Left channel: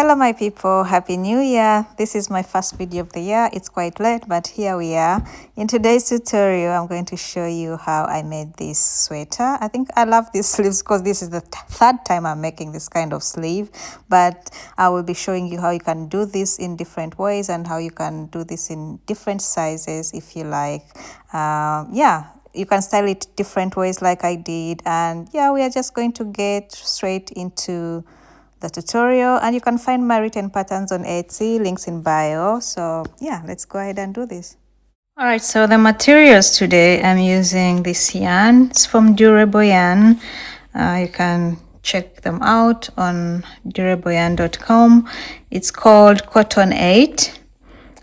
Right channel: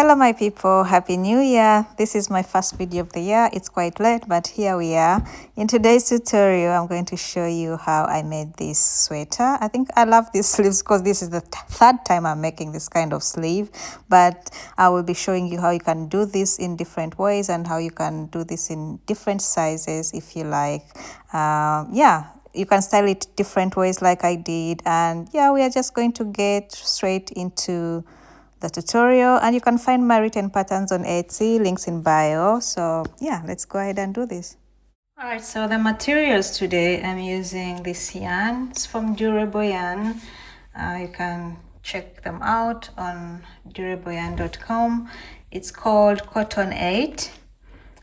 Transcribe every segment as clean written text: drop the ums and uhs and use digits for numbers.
Hello my people, happy new year. This is my first video of the year. It's quite late, but here we are. In today's tutorial I'm going to show you how I made this sweater. I think I love these sleeves because this is the third time I'm making this kind of sleeve, but I will be showing you how you can do this in different ways and how you can do this in different sizes if you like. You can style it different ways like I did, and yeah, we are just going to get straight into the tutorial, and you can find my written patterns on Etsy, links in bio. So yeah, let's go ahead and do this. All right, so the materials today, I'm using this yarn. It's from Durable Yarn. You can check them out on durableyarn.com. It's called Cotton8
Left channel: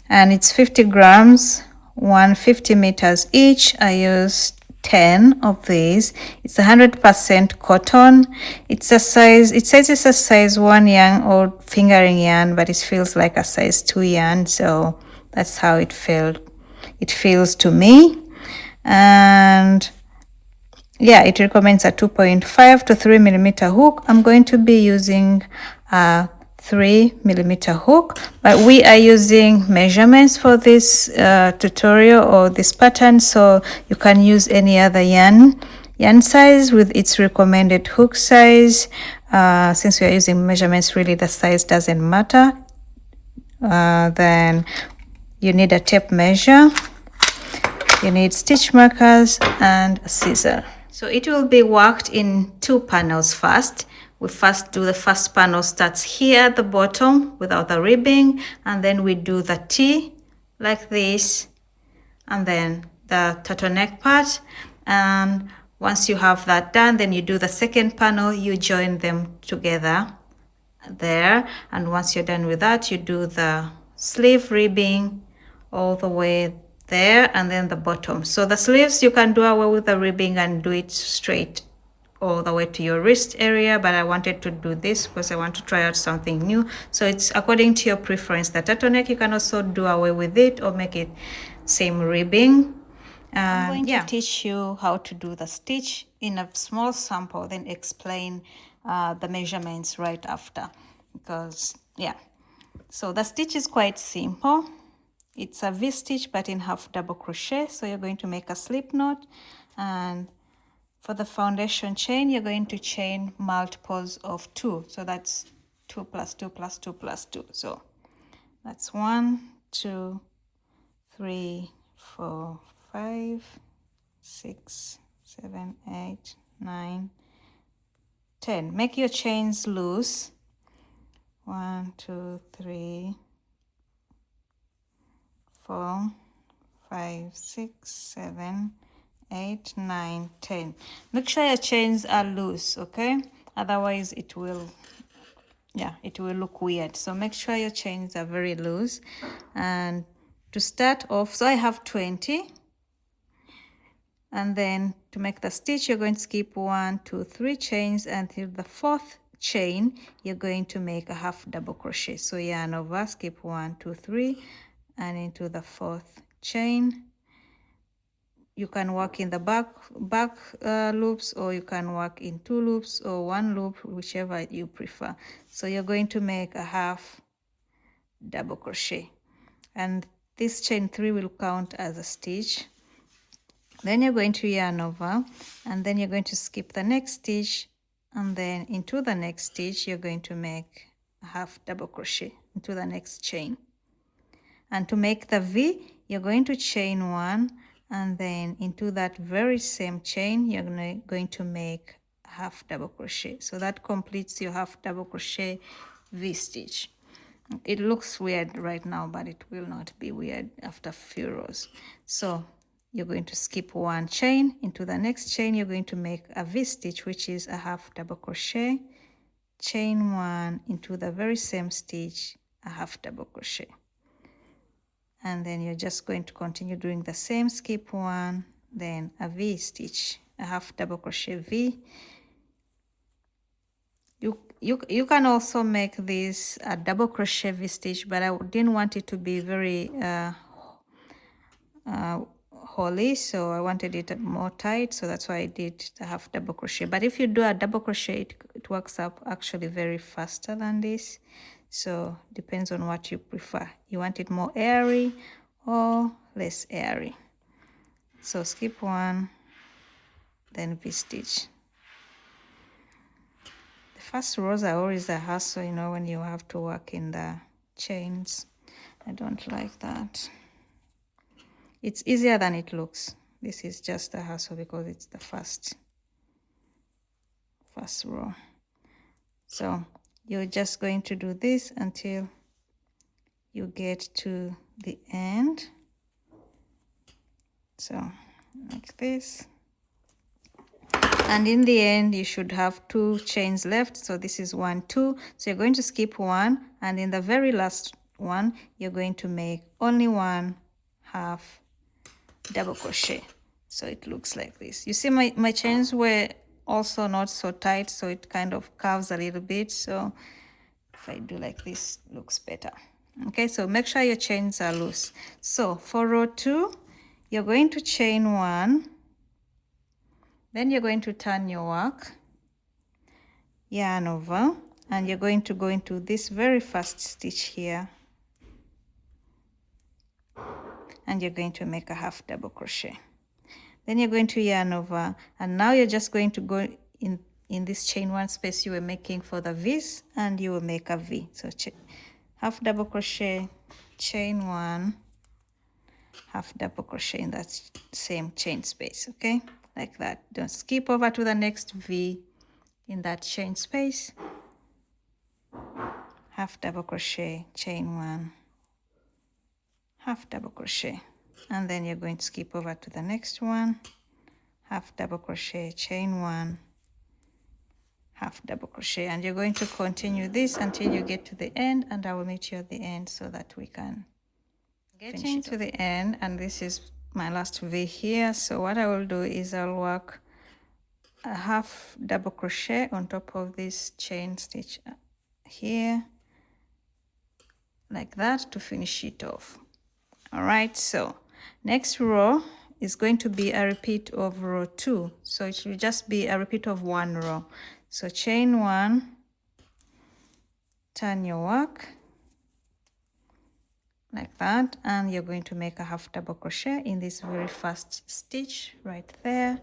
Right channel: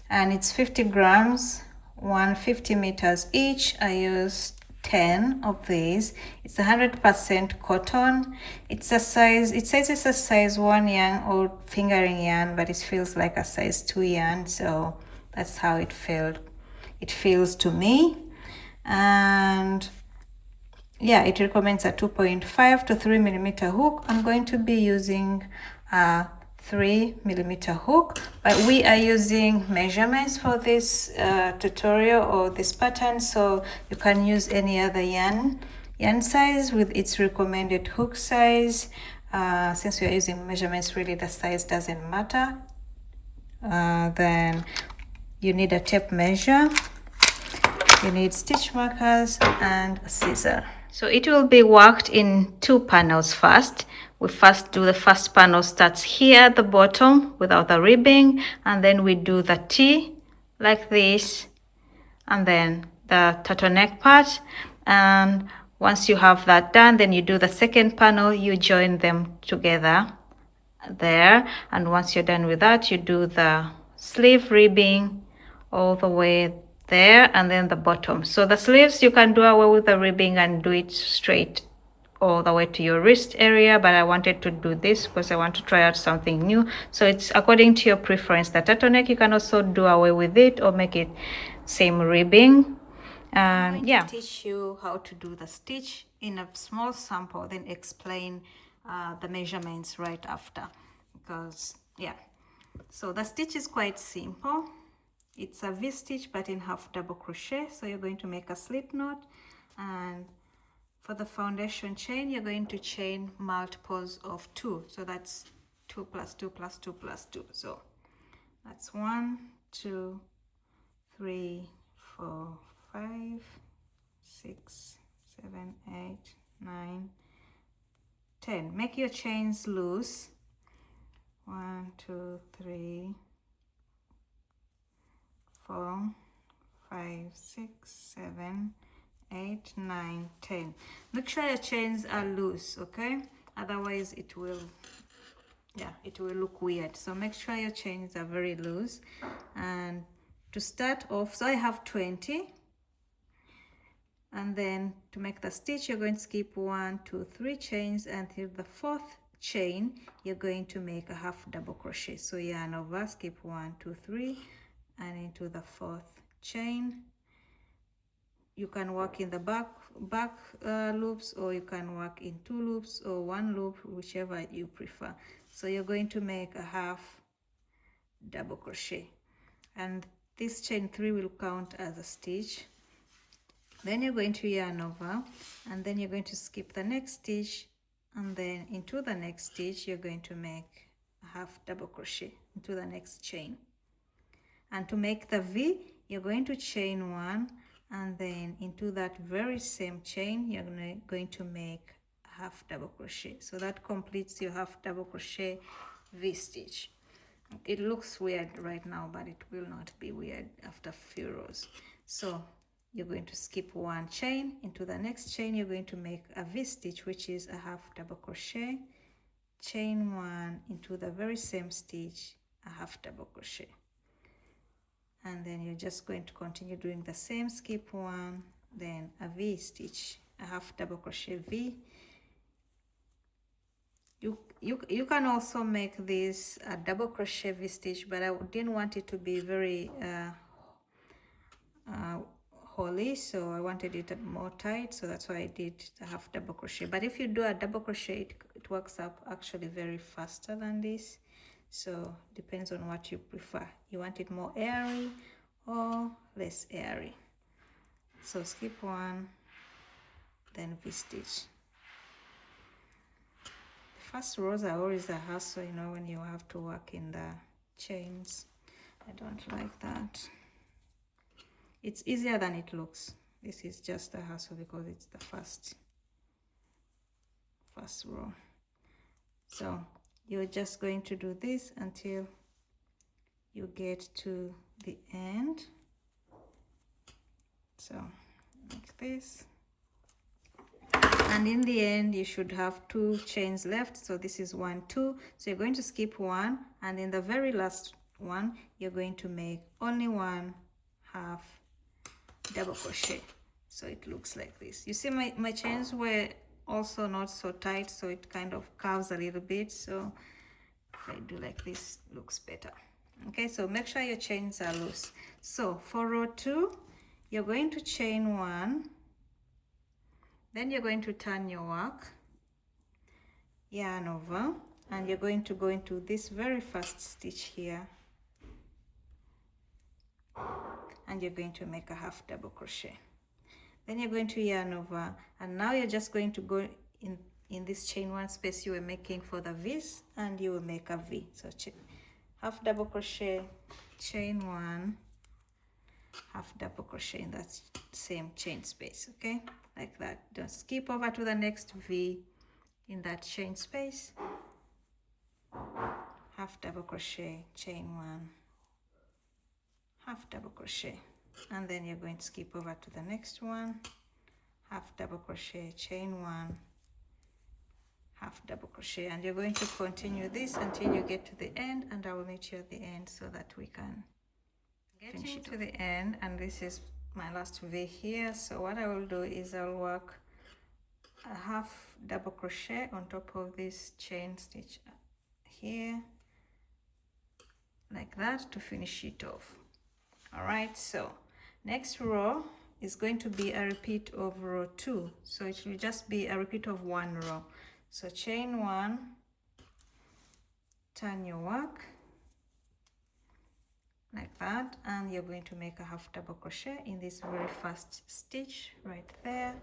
and it's 50 grams, 150 meters each. I used 10 of these. It's 100% cotton. It's a size, it says it's a size 1 yarn or fingering yarn, but it feels like a size 2 yarn, so that's how it feels to me. And yeah, it recommends a 2.5 to 3 millimeter hook. I'm going to be using a 3 millimeter hook, but we are using measurements for this tutorial or this pattern, so you can use any other yarn size with its recommended hook size. Since we are using measurements, really the size doesn't matter. Then you need a tape measure, you need stitch markers and a scissor. So it will be worked in 2 panels first. We first do the first panel, starts here at the bottom without the ribbing, and then we do the T like this, and then the turtleneck part. And once you have that done, then you do the second panel, you join them together there, and once you're done with that, you do the sleeve ribbing all the way there, and then the bottom. So the sleeves, you can do away with the ribbing and do it straight all the way to your wrist area, but I wanted to do this because I want to try out something new. So it's according to your preference. The turtleneck, you can also do away with it or make it same ribbing. And I'm going to teach you how to do the stitch in a small sample, then explain the measurements right after, because yeah, so the stitch is quite simple. It's a V-stitch but in half double crochet. So you're going to make a slip knot, and for the foundation chain, you're going to chain multiples of 2. So that's 2 plus 2 plus 2 plus 2. So that's 1, 2, 3, 4, 5, 6, 7, 8, 9, 10. Make your chains loose. 1, 2, 3, 4, 5, 6, 7, 8, 9, 10. Make sure your chains are loose, okay? Otherwise it will look weird. So make sure your chains are very loose. And to start off, so I have 20, and then to make the stitch, you're going to skip 1, 2, 3 chains until the 4th chain. You're going to make a half double crochet. So yarn over, skip 1, 2, 3, and into the 4th chain. You can work in the back loops, or you can work in 2 loops or 1 loop, whichever you prefer. So you're going to make a half double crochet, and this chain 3 will count as a stitch. Then you're going to yarn over, and then you're going to skip the next stitch, and then into the next stitch you're going to make a half double crochet into the next chain. And to make the V, you're going to chain 1, and then into that very same chain you're going to make a half double crochet. So that completes your half double crochet V stitch. It looks weird right now, but it will not be weird after a few rows. So you're going to skip 1 chain, into the next chain you're going to make a V stitch, which is a half double crochet, chain 1, into the very same stitch, a half double crochet. And then you're just going to continue doing the same, skip 1, then a V stitch, a half double crochet V. You can also make this a double crochet V stitch, but I didn't want it to be very holey, so I wanted it more tight, so that's why I did a half double crochet. But if you do a double crochet, it works up actually very faster than this. So depends on what you prefer. You want it more airy or less airy. So skip one, then V-stitch. The first rows are always a hassle, you know, when you have to work in the chains. I don't like that. It's easier than it looks. This is just a hassle because it's the first row. So you're just going to do this until you get to the end. So like this. And in the end, you should have 2 chains left. So this is 1, 2. So you're going to skip 1, and in the very last one, you're going to make only 1 half double crochet. So it looks like this. You see my chains were also not so tight, so it kind of curves a little bit. So if I do like this, it looks better. Okay, so make sure your chains are loose. So for row 2, you're going to chain 1, then you're going to turn your work, yarn over, and you're going to go into this very first stitch here, and you're going to make a half double crochet. Then you're going to yarn over, and now you're just going to go in this chain 1 space you were making for the V's, and you will make a V. So half double crochet, chain 1, half double crochet in that same chain space. Okay, like that. Don't skip over to the next V in that chain space. Half double crochet, chain 1, half double crochet, and then you're going to skip over to the next one, half double crochet, chain 1, half double crochet, and you're going to continue this until you get to the end, and I will meet you at the end so that we can get to the end. And this is my last V here. So what I will do is I'll work a half double crochet on top of this chain stitch here, like that, to finish it off. All right, so next row is going to be a repeat of row 2, so it will just be a repeat of 1 row. So chain 1, turn your work like that, and you're going to make a half double crochet in this very first stitch right there,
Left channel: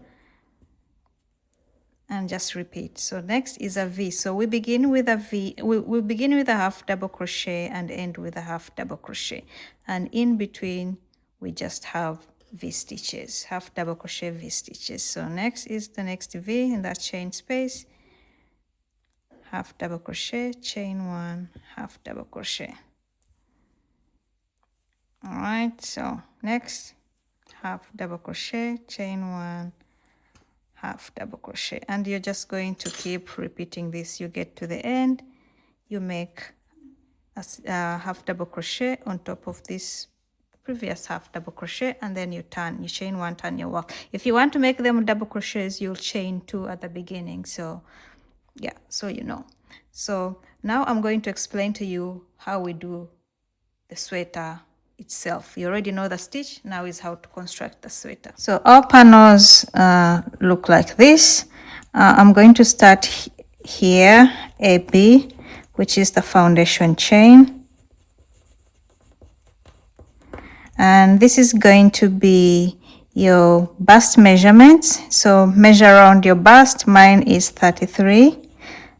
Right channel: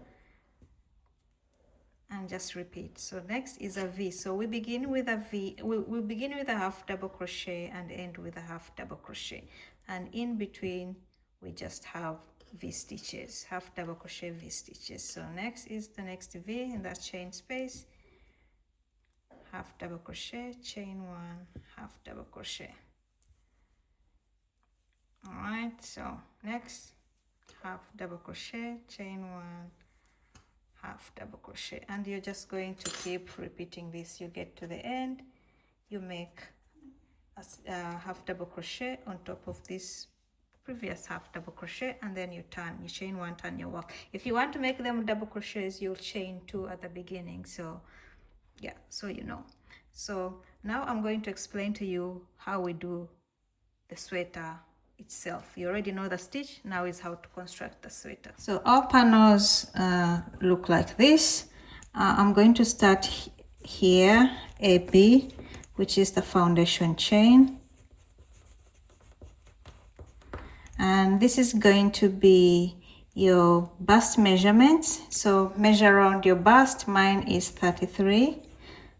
and just repeat. So next is a V. So we begin with a V. We begin with a half double crochet and end with a half double crochet, and in between we just have V stitches, half double crochet V stitches. So next is the next V in that chain space, half double crochet, chain 1, half double crochet. All right, so next, half double crochet, chain 1, half double crochet, and you're just going to keep repeating this. You get to the end, you make a half double crochet on top of this previous half double crochet, and then you chain 1, turn your work. If you want to make them double crochets, you'll chain 2 at the beginning. So yeah, so you know. So now I'm going to explain to you how we do the sweater itself. You already know the stitch. Now is how to construct the sweater. So our panels look like this. I'm going to start here, AB, which is the foundation chain, and this is going to be your bust measurements. So measure around your bust. Mine is 33,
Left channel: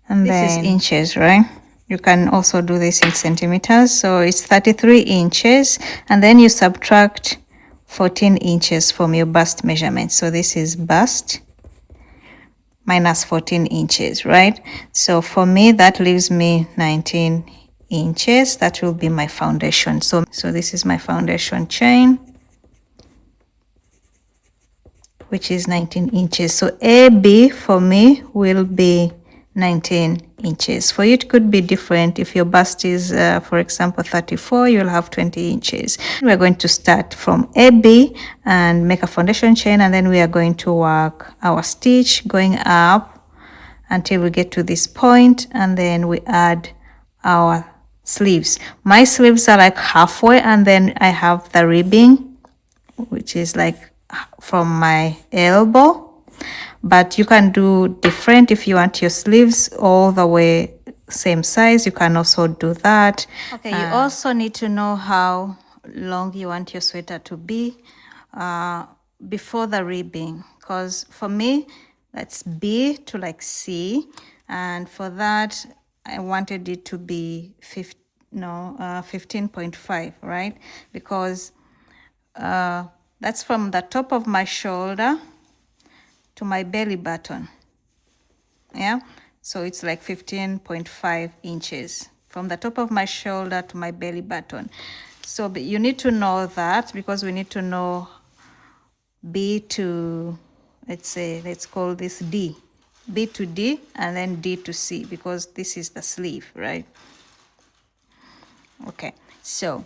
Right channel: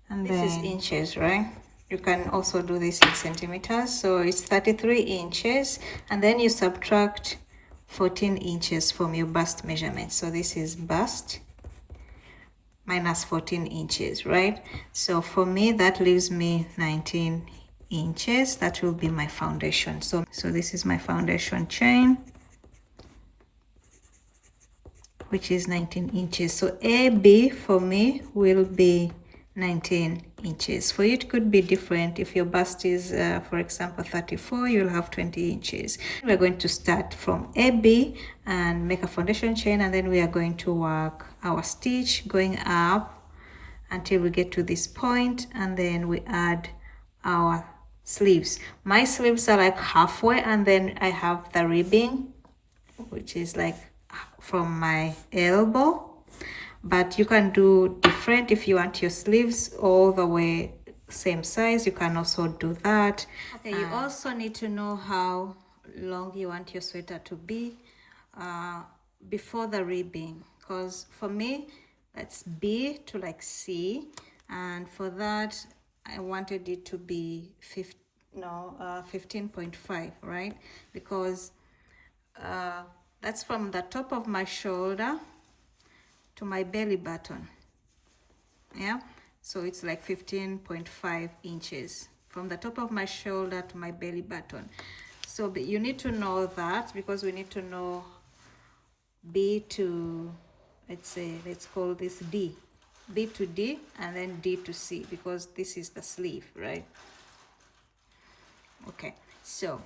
and this is inches, right? You can also do this in centimeters. So it's 33 inches, and then you subtract 14 inches from your bust measurement. So this is bust minus 14 inches, right? So for me, that leaves me 19 inches. That will be my foundation. So this is my foundation chain, which is 19 inches. So AB for me will be 19 inches. For you, it could be different. If your bust is, for example, 34, you'll have 20 inches. We're going to start from AB and make a foundation chain, and then we are going to work our stitch going up until we get to this point, and then we add our sleeves. My sleeves are like halfway, and then I have the ribbing, which is like from my elbow. But you can do different if you want your sleeves all the way same size, you can also do that. Okay, you also need to know how long you want your sweater to be before the ribbing, because for me that's B to like C, and for that I wanted it to be 15.5, right? Because that's from the top of my shoulder to my belly button. Yeah, so it's like 15.5 inches from the top of my shoulder to my belly button. So you need to know that, because we need to know B to, let's call this D, B to D, and then D to C, because this is the sleeve, right? Okay, so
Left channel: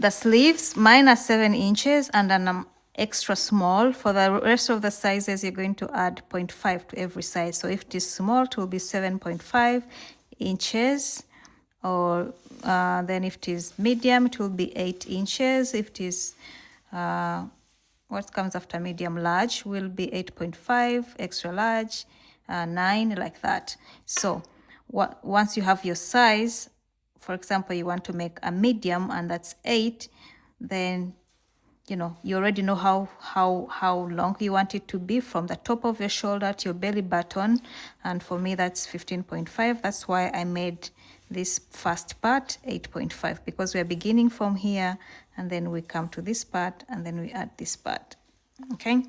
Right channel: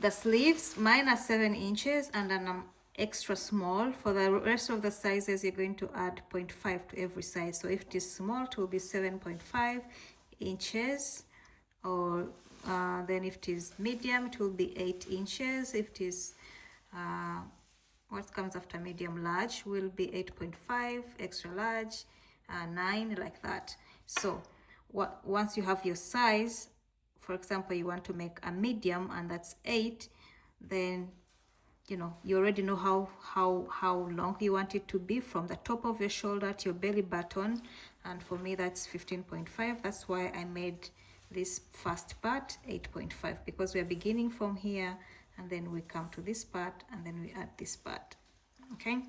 the sleeves, mine are 7 inches, and then I'm extra small. For the rest of the sizes, you're going to add 0.5 to every size. So if it is small, it will be 7.5 inches, or then if it is medium, it will be 8 inches. If it is what comes after medium, large, will be 8.5, extra large 9, like that. So once you have your size, for example, you want to make a medium and that's 8, then you know, you already know how long you want it to be from the top of your shoulder to your belly button, and for me that's 15.5. That's why I made this first part 8.5, because we're beginning from here and then we come to this part and then we add this part. Okay,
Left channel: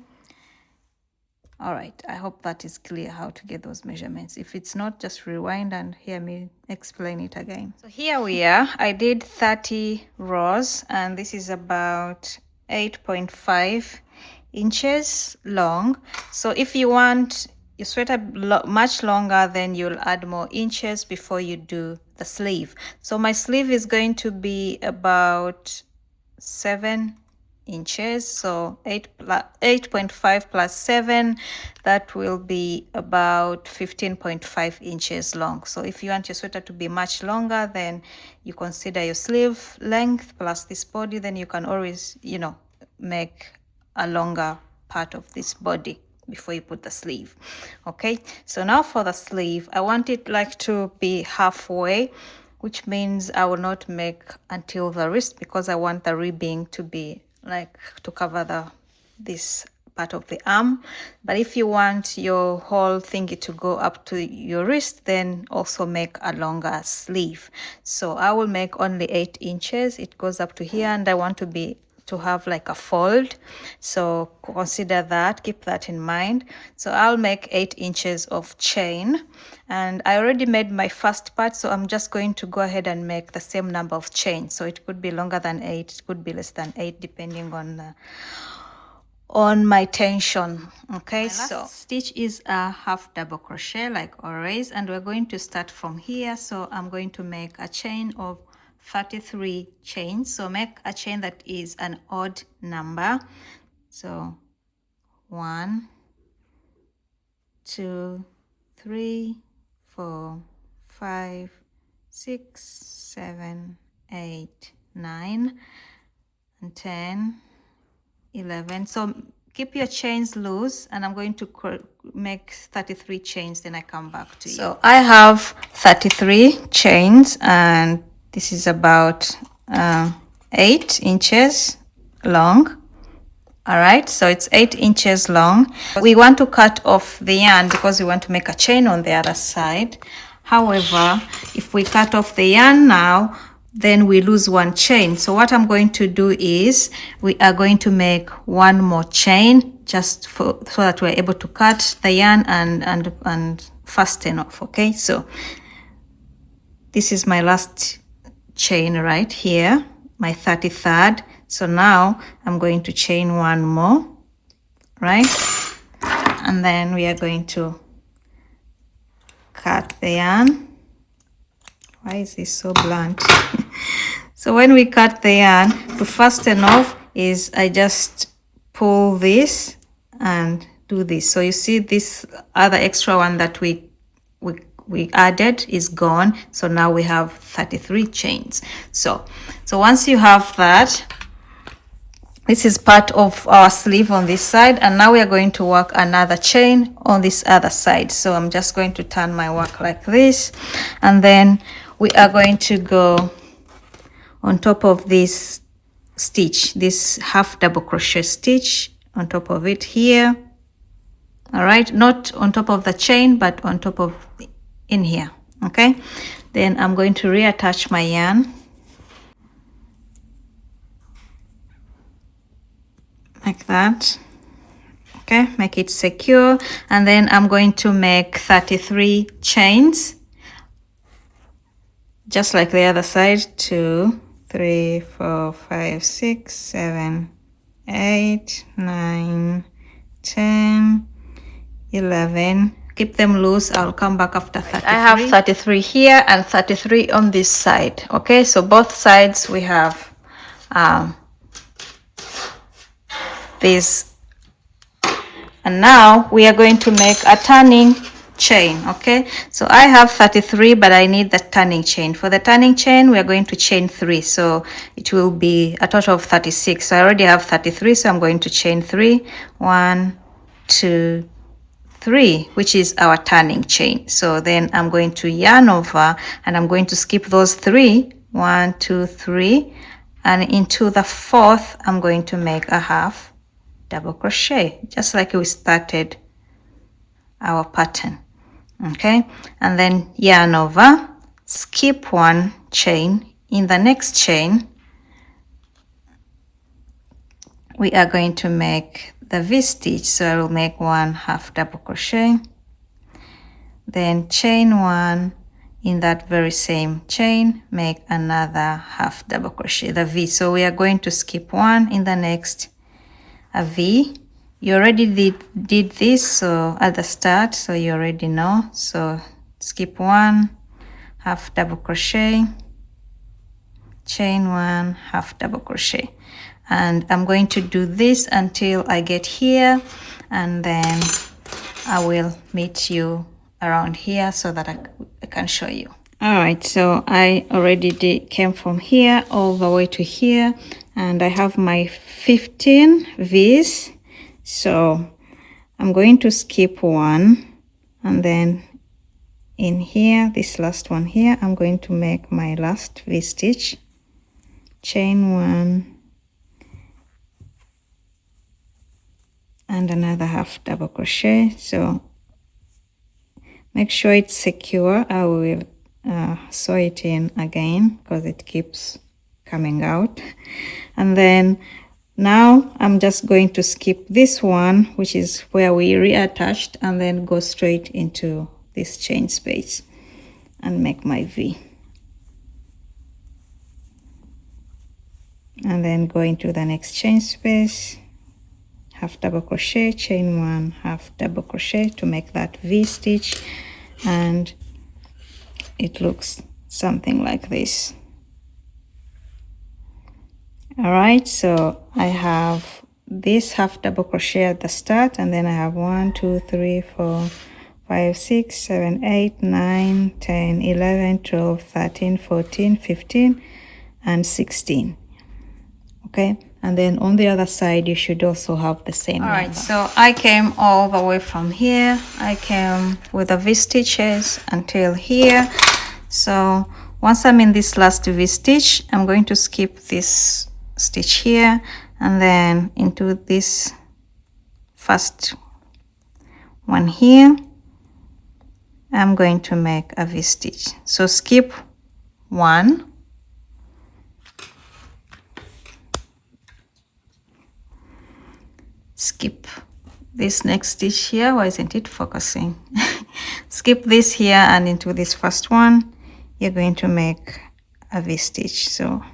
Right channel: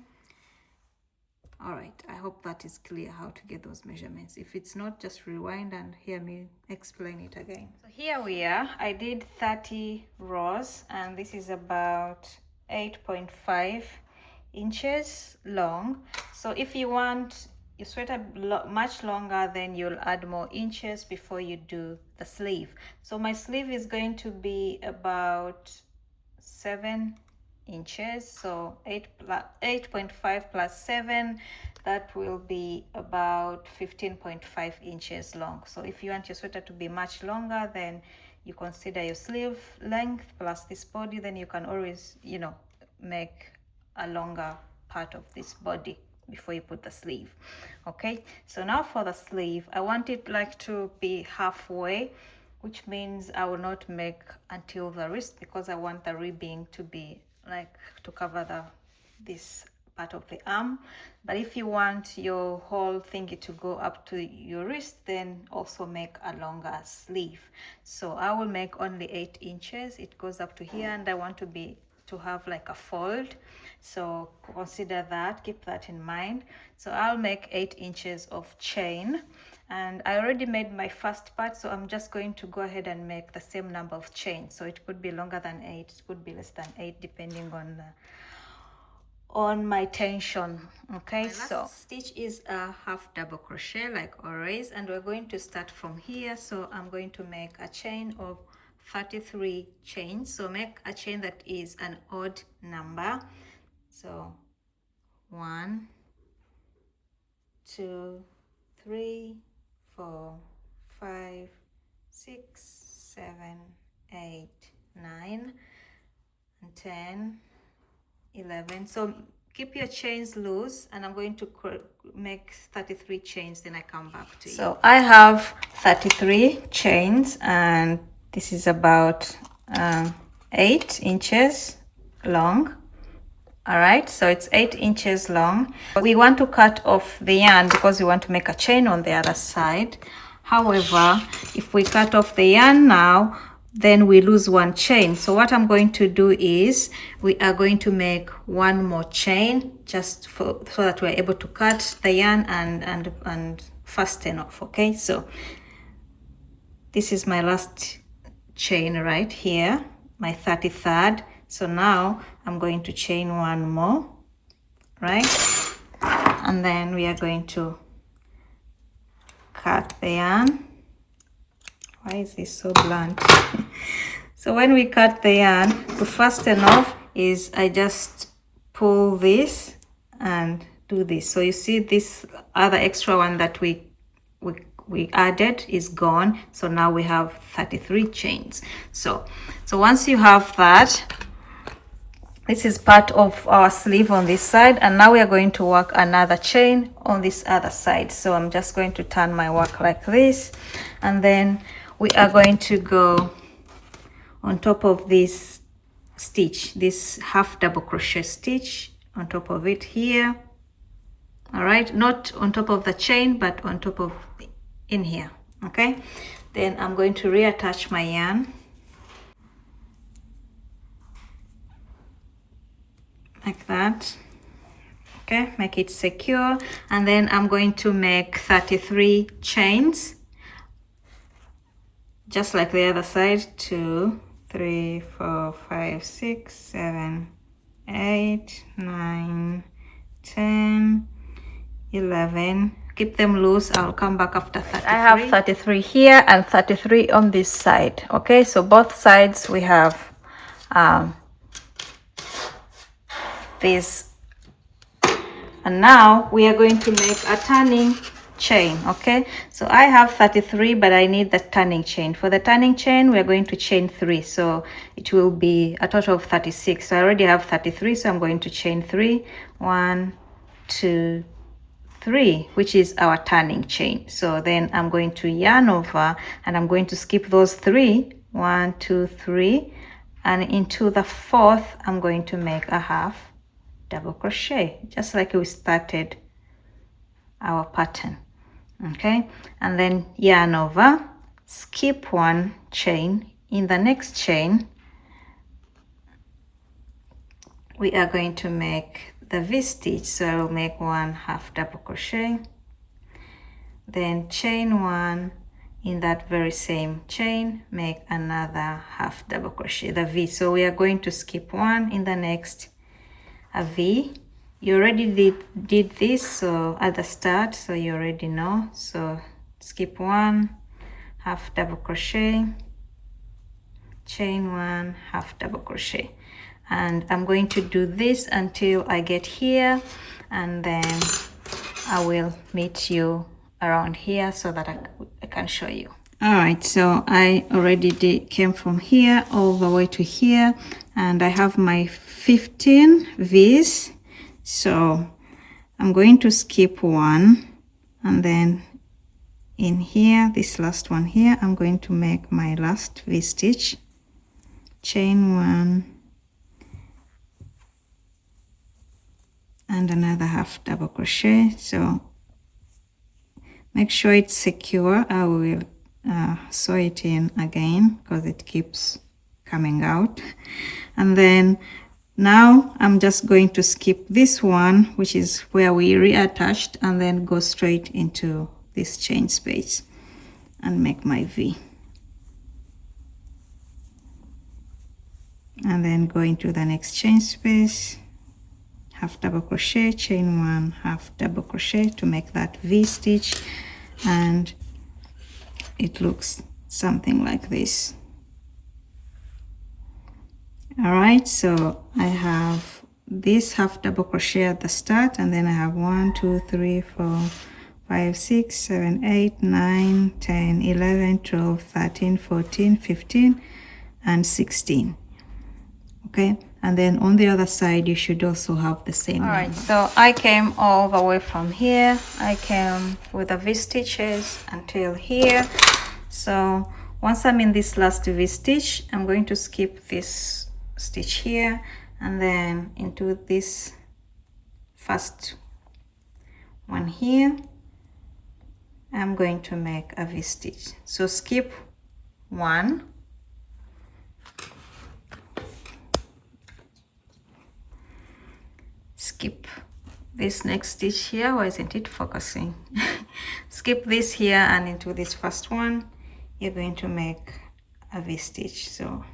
all right, I hope that is clear how to get those measurements. If it's not, just rewind and hear me explain it again. So here we are. I did 30 rows, and this is about 8.5 inches long. So if you want your sweater much longer, then you'll add more inches before you do the sleeve. So my sleeve is going to be about 7 inches, so 8.5 plus 7, that will be about 15.5 inches long. So if you want your sweater to be much longer, then you consider your sleeve length plus this body, then you can always, you know, make a longer part of this body before you put the sleeve. Okay, so now for the sleeve, I want it like to be halfway, which means I will not make until the wrist, because I want the ribbing to be like to cover this part of the arm. But if you want your whole thingy to go up to your wrist, then also make a longer sleeve. So I will make only 8 inches. It goes up to here, and I want to have like a fold, so consider that, keep that in mind. So I'll make 8 inches of chain, and I already made my first part, so I'm just going to go ahead and make the same number of chains. So it could be longer than 8, it could be less than 8, depending on my tension. Okay, so stitch is a half double crochet like always, and we're going to start from here. So I'm going to make a chain of 33 chains. So make a chain that is an odd number. So 1, 2, 3, 4, 5, 6, 7, 8, 9, and 10, 11. So keep your chains loose, and I'm going to make 33 chains, then I come back to you. So I have 33 chains, and this is about 8 inches long. All right, so it's 8 inches long. We want to cut off the yarn because we want to make a chain on the other side. However, if we cut off the yarn now, then we lose one chain. So what I'm going to do is we are going to make one more chain, just so that we're able to cut the yarn and fasten off. Okay, so this is my last chain right here, my 33rd. So now I'm going to chain one more, right? And then we are going to cut the yarn. Why is this so blunt? So when we cut the yarn, to fasten off is I just pull this and do this. So you see this other extra one that we added is gone. So now we have 33 chains. So once you have that, This is part of our sleeve on this side, and now we are going to work another chain on this other side. So I'm just going to turn my work like this, and then we are going to go on top of this stitch, this half double crochet stitch on top of it here. All right, not on top of the chain, but on top of in here. Okay, then I'm going to reattach my yarn like that. Okay, make it secure, and then I'm going to make 33 chains, just like the other side. 2, 3, 4, 5, 6, 7, 8, 9, 10, 11. Keep them loose. I'll come back after 33. I have 33 here and 33 on this side. Okay, so both sides we have this, and now we are going to make a turning chain. Okay, so I have 33, but I need the turning chain. For the turning chain, we are going to chain 3, so it will be a total of 36. So I already have 33, so I'm going to chain 3. 1, 2, 3, which is our turning chain. So then I'm going to yarn over, and I'm going to skip those 3. 1, 2, 3, and into the 4th I'm going to make a half double crochet, just like we started our pattern. Okay, and then yarn over, skip 1 chain. In the next chain we are going to make the V-stitch, so I will make 1 half double crochet, then chain 1. In that very same chain, make another half double crochet, the V. So we are going to skip 1 in the next, a V. You already did this, so at the start, so you already know. So skip 1, half double crochet, chain 1, half double crochet, and I'm going to do this until I get here, and then I will meet you around here so that I can show you. All right, so I already came from here all the way to here, and I have my 15 V's. So I'm going to skip 1, and then in here, this last one here, I'm going to make my last V-stitch, chain 1, and another half double crochet. So make sure it's secure. I will sew it in again because it keeps coming out. And then now I'm just going to skip this one, which is where we reattached, and then go straight into this chain space and make my V. And then go into the next chain space, half double crochet, chain 1, half double crochet to make that V stitch, and it looks something like this. All right, so I have this half double crochet at the start, and then I have 1, 2, 3, 4, 5, 6, 7, 8, 9, 10, 11, 12, 13, 14, 15, and 16. Okay, and then on the other side you should also have the same number. All right, so I came all the way from here. I came with the V stitches until here. So once I'm in this last V stitch, I'm going to skip this stitch here, and then into this first one here, I'm going to make a V stitch. So skip 1, skip this next stitch here. Why isn't it focusing? Skip this here, and into this first one you're going to make a V stitch. So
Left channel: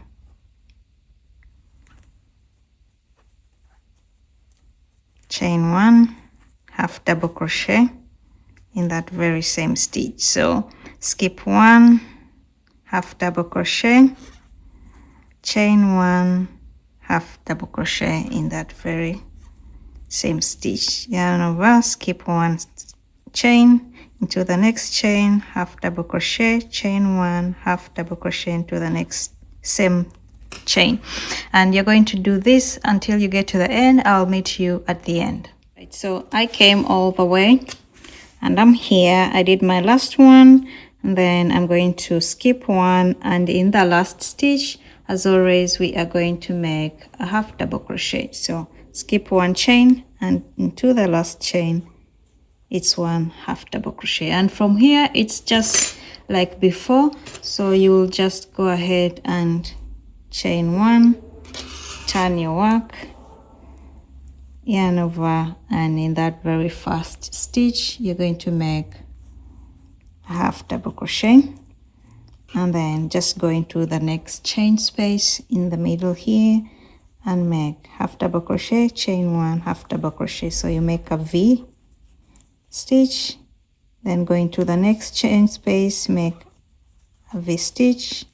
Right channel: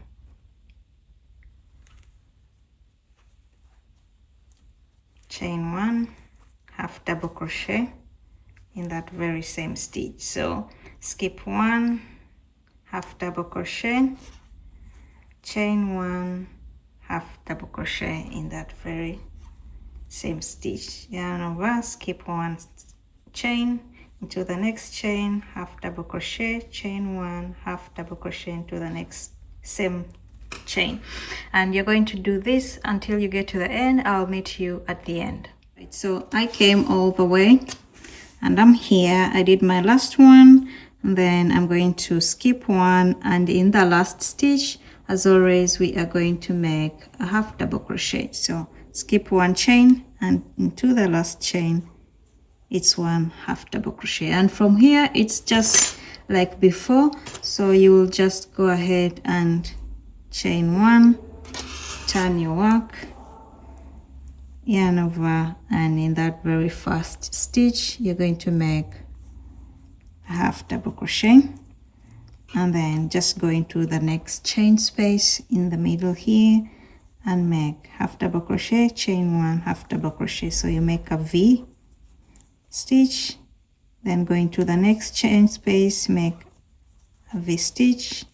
chain 1, half double crochet in that very same stitch. So skip 1, half double crochet, chain 1, half double crochet in that very same stitch, yarn over, skip 1 chain into the next chain, half double crochet, chain 1, half double crochet into the next same chain, and you're going to do this until you get to the end. I'll meet you at the end. Right, so I came all the way and I'm here. I did my last one, and then I'm going to skip one, and in the last stitch, as always, we are going to make a half double crochet. So skip one chain, and into the last chain it's one half double crochet, and from here it's just like before. So you will just go ahead and chain one, turn your work, yarn over, and in that very first stitch you're going to make a half double crochet, and then just go into the next chain space in the middle here and make half double crochet, chain one, half double crochet. So you make a V stitch, then go into the next chain space, make a V stitch,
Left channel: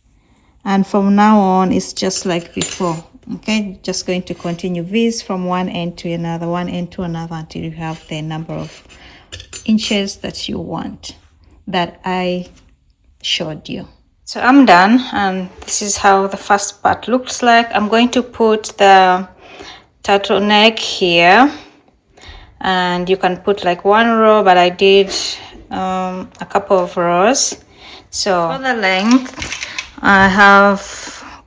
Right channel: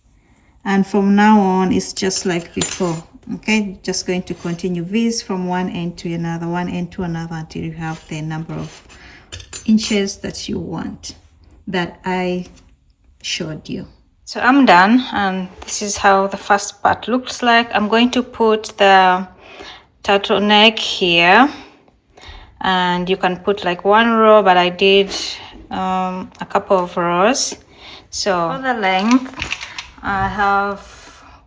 and from now on it's just like before. Okay, just going to continue V's from one end to another, one end to another, until you have the number of inches that you want, that I showed you. So I'm done, and this is how the first part looks like. I'm going to put the turtleneck here, and you can put like one row, but I did a couple of rows. So for the length, I have,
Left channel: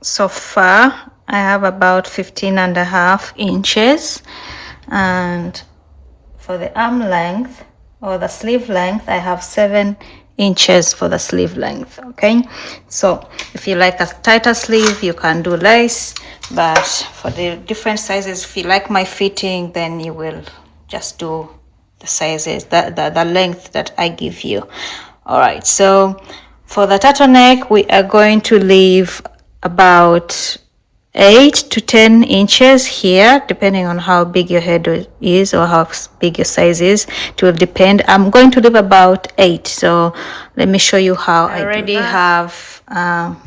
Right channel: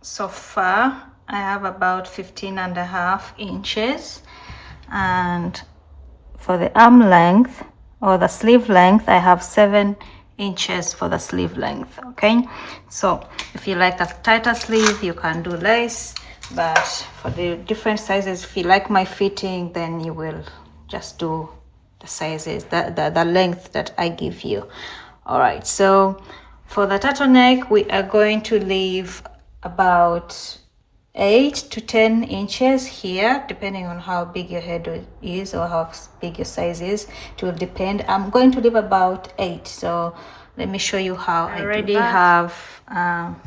so far I have about 15.5 inches, and for the arm length or the sleeve length, I have 7 inches for the sleeve length. Okay, so if you like a tighter sleeve, you can do lace, but for the different sizes, if you like my fitting, then you will just do the sizes, the length that I give you. All right, so for the turtleneck, we are going to leave about 8 to 10 inches here, depending on how big your head is or how big your size is. It will depend. I'm going to leave about 8. So let me show you how I already have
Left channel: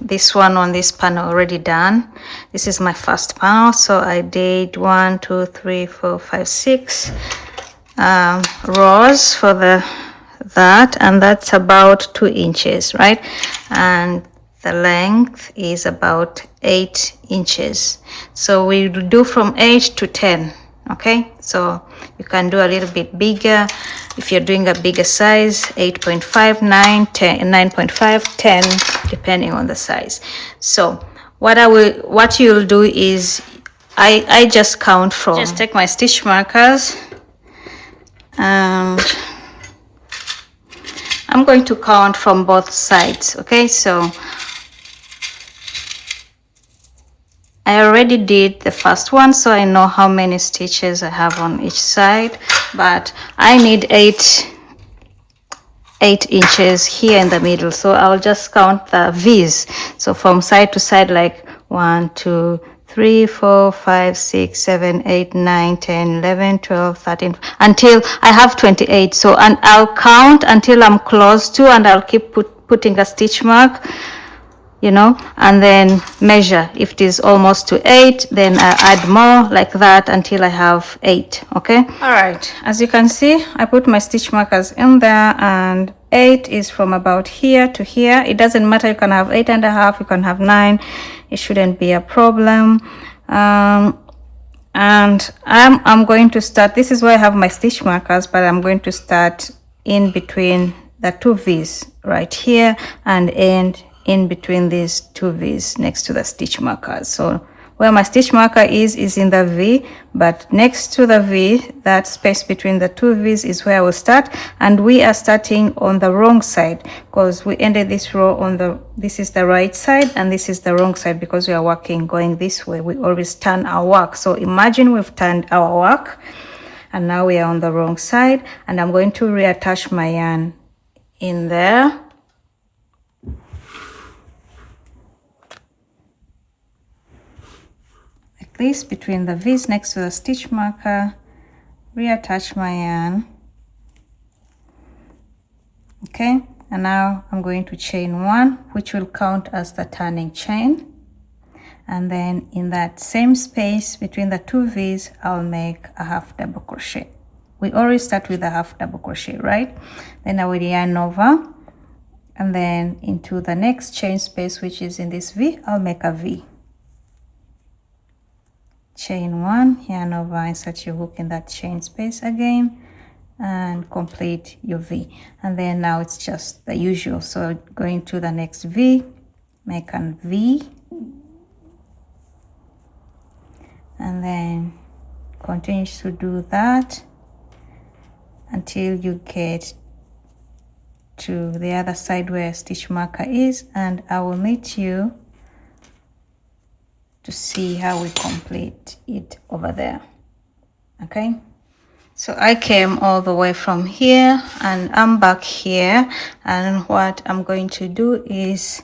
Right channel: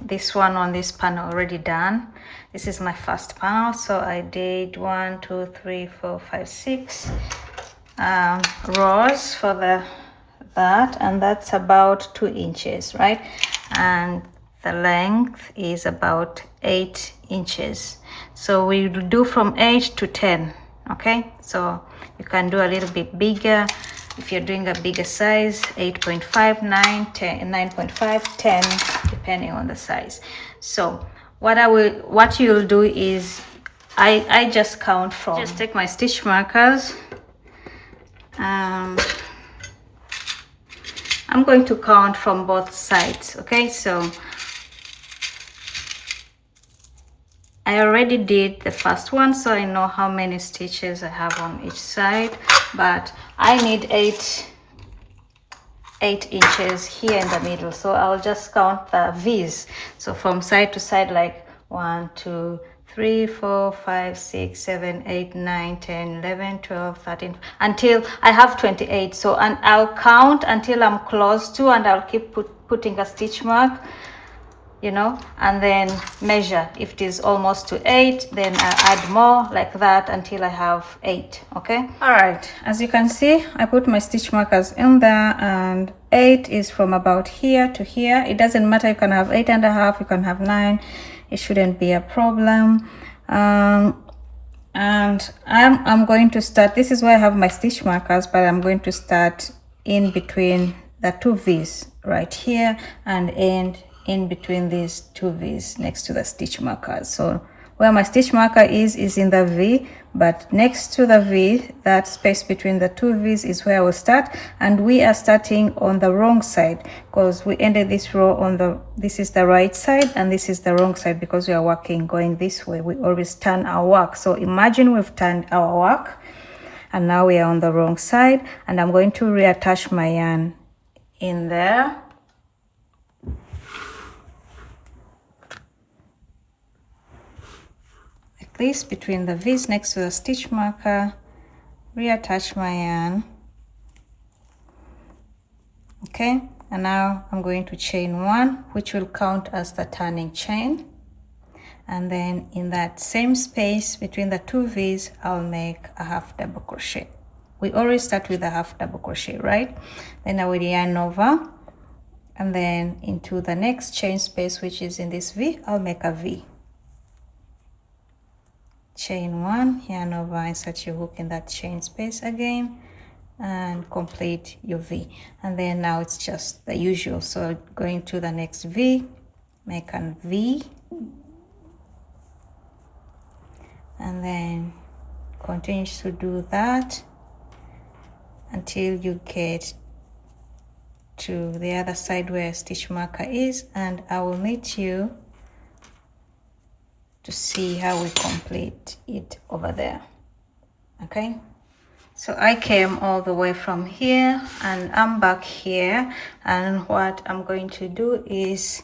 this one on this panel already done. This is my first panel. So I did 1, 2, 3, 4, 5, 6 rows for that, and that's about 2 inches, right? And the length is about 8 inches. So we do from 8 to 10. Okay, so you can do a little bit bigger if you're doing a bigger size, 8.5, 9, 10, 9.5, 10, depending on the size. So what you'll do is I just count from, just take my stitch markers, and I'm going to count from both sides. Okay, so I already did the first one, so I know how many stitches I have on each side, but I need 8 inches here in the middle, so I'll just count the V's. So from side to side, like 1, 2, 3, 4, 5, 6, 7, 8, 9, 10, 11, 12, 13, until I have 28. So, and I'll count until I'm close to, and I'll keep putting a stitch mark, you know, and then measure. If it is almost to 8, then I add more, like that, until I have 8. Okay, all right, as you can see, I put my stitch markers in there, and 8 is from about here to here. It doesn't matter, you can have 8.5, you can have 9, it shouldn't be a problem. And I'm going to start, this is where I have my stitch markers, but I'm going to start in between the 2 V's right here, and end in between these 2 V's next to the stitch markers. So where my stitch marker is in the V, but next to the V, that space between the 2 V's is where I will start. And we are starting on the wrong side, because we ended this row on the, this is the right side and this is the wrong side, because we are working going this way. We always turn our work. So imagine we've turned our work and now we are on the wrong side, and I'm going to reattach my yarn in there. This between the V's next to the stitch marker, reattach my yarn. Okay, and now I'm going to chain 1, which will count as the turning chain, and then in that same space between the 2 V's, I'll make a half double crochet. We always start with a half double crochet, right? Then I will yarn over, and then into the next chain space, which is in this V, I'll make a V. chain 1, yarn over, insert your hook in that chain space again, and complete your V. And then now it's just the usual, so going to the next V, make a V, and then continue to do that until you get to the other side where stitch marker is, and I will meet you to see how we complete it over there. Okay, so I came all the way from here and I'm back here, and what I'm going to do is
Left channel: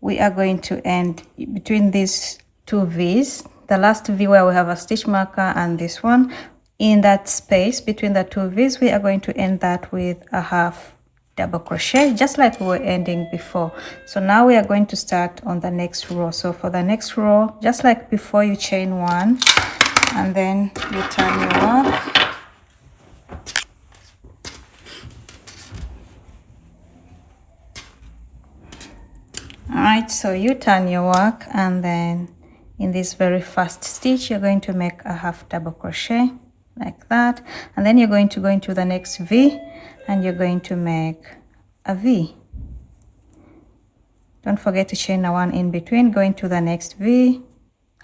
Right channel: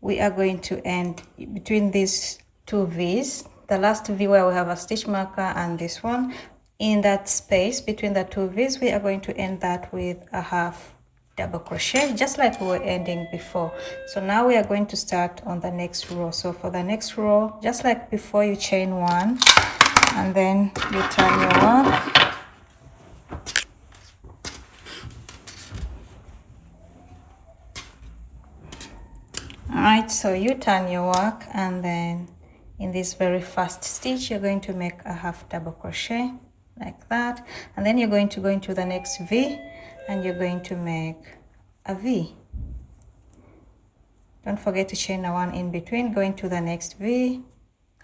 we are going to end between these two V's, the last V where we have a stitch marker and this one. In that space between the two V's, we are going to end that with a half double crochet, just like we were ending before. So now we are going to start on the next row. So for the next row, just like before, you chain 1 and then you turn your work. All right, so you turn your work, and then in this very first stitch you're going to make a half double crochet like that, and then you're going to go into the next V and you're going to make a V. Don't forget to chain a 1 in between. Go into the next V,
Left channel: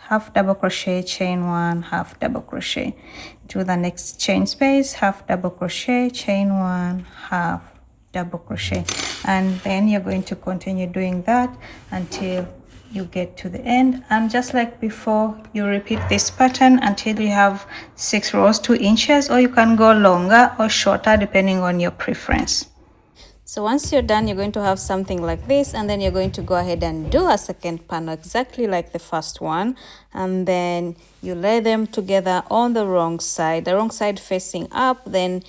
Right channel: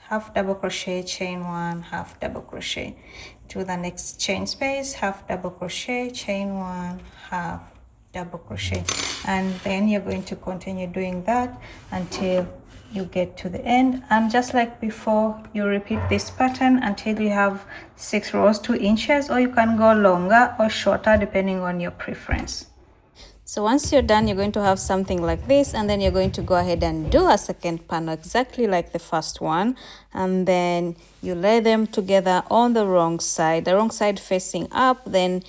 half double crochet, chain 1, half double crochet, to the next chain space, half double crochet, chain 1, half double crochet, and then you're going to continue doing that until you get to the end. And just like before, you repeat this pattern until you have 6 rows, 2 inches, or you can go longer or shorter depending on your preference. So once you're done, you're going to have something like this, and then you're going to go ahead and do a second panel exactly like the first one, and then you lay them together on the wrong side facing up. Then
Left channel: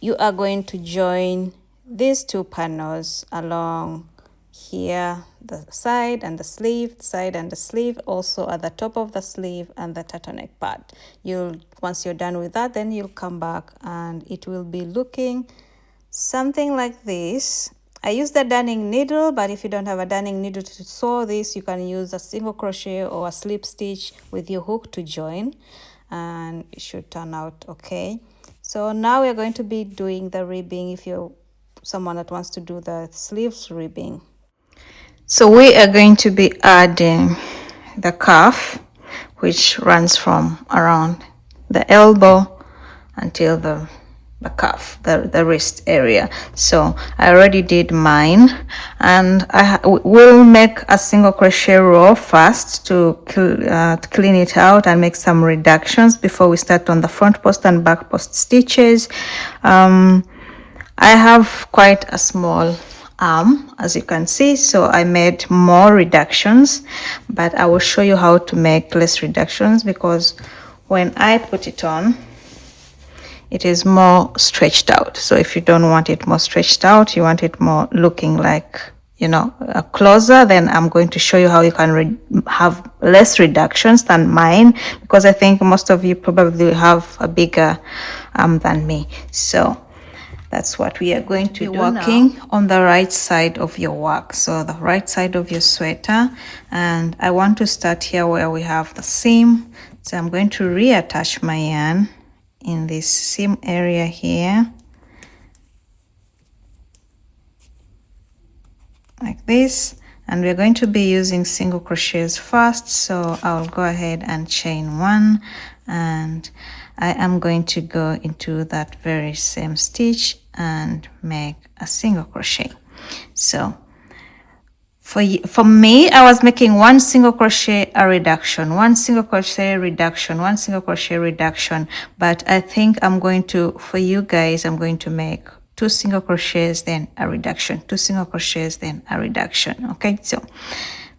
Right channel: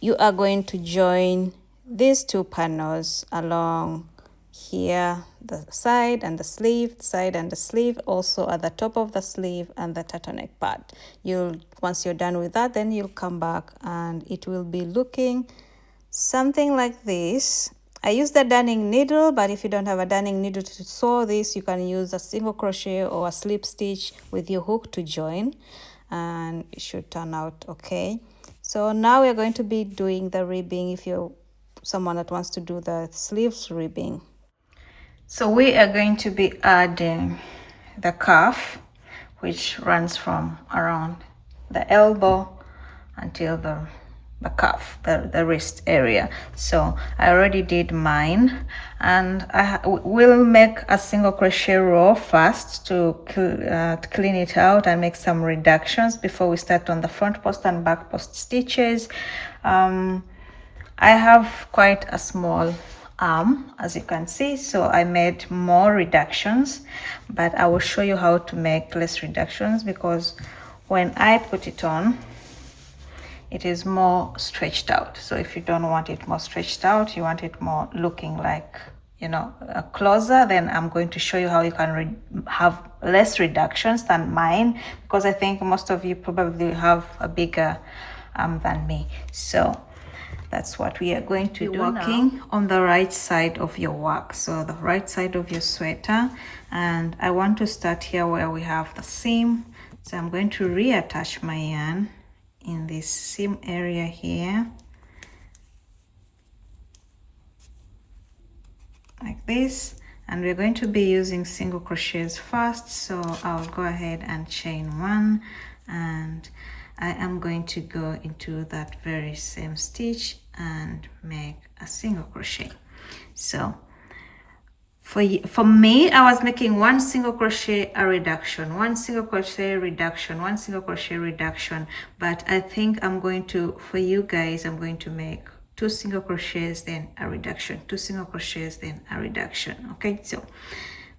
you are going to join these 2 panels along here, the side and the sleeve, also at the top of the sleeve and the turtleneck part. Once you're done with that, then you'll come back and it will be looking something like this. I use the darning needle, but if you don't have a darning needle to sew this, you can use a single crochet or a slip stitch with your hook to join, and it should turn out okay. So now we're going to be doing the ribbing if you're someone that wants to do the sleeves ribbing. So we are going to be adding the cuff, which runs from around the elbow until the cuff, the wrist area. So I already did mine, and I will make a single crochet row first to clean it out and make some reductions before we start on the front post and back post stitches. I have quite a small arm, as you can see, so I made more reductions, but I will show you how to make less reductions, because when I put it on, it is more stretched out. So if you don't want it more stretched out, you want it more looking like, you know, closer, then I'm going to show you how you can have less reductions than mine, because I think most of you probably have a bigger arm than me. So that's what we are going to be working now. On the right side of your work, so the right side of your sweater, and I want to start here where we have the seam. So I'm going to reattach my yarn in this seam area here, like this, and we're going to be using single crochets first. So I'll go ahead and chain 1, and I am going to go into that very same stitch and make a single crochet. So for me, I was making 1 single crochet, a reduction, 1 single crochet, reduction, 1 single crochet, reduction, but I think I'm going to, for you guys, I'm going to make 2 single crochets, then a reduction, 2 single crochets, then a reduction. Okay, so